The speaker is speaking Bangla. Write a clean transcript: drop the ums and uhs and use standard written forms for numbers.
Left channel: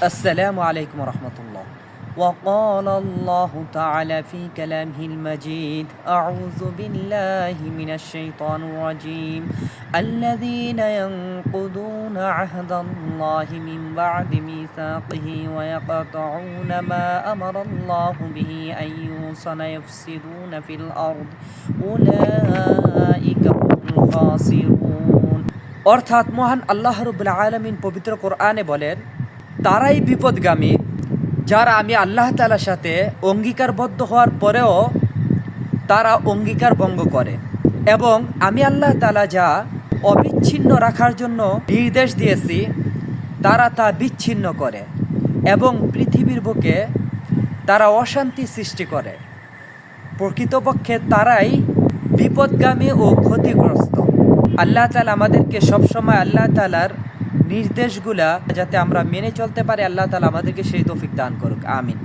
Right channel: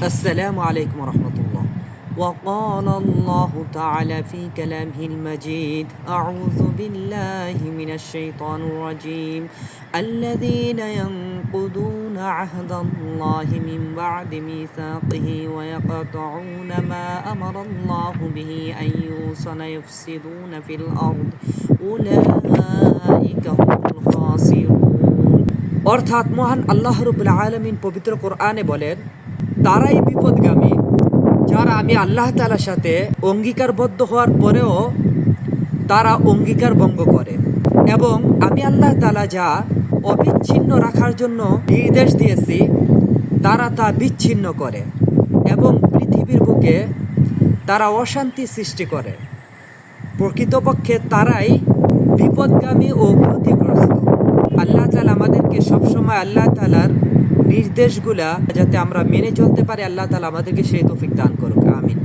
السلام عليكم ورحمة الله. وقال الله تعالى في كلامه المجيد: أعوذ بالله من الشيطان الرجيم. الذين ينقضون عهد الله من بعد ميثاقه ويقطعون ما أمر الله به أن يوصل يفسدون في الأرض أولئك هم الخاسرون. অর্থাৎ মহান আল্লাহ রাব্বুল আলামিন পবিত্র কোরআনে বলেন, তারাই বিপদগামী যারা আমি আল্লাহ তাআলার সাথে অঙ্গীকারবদ্ধ হওয়ার পরেও তারা অঙ্গীকার ভঙ্গ করে এবং আমি আল্লাহ তাআলা যা অবিচ্ছিন্ন রাখার জন্য নির্দেশ দিয়েছি তারা তা বিচ্ছিন্ন করে এবং পৃথিবীর বুকে তারা অশান্তি সৃষ্টি করে। প্রকৃতপক্ষে তারাই বিপদগামী ও ক্ষতিগ্রস্ত। আল্লাহ তাআলা আমাদেরকে সবসময় আল্লাহ তাআলার নির্দেশগুলা যাতে আমরা মেনে চলতে পারি, আল্লাহ তাআলা আমাদেরকে সেই তৌফিক দান করুক। আমিন।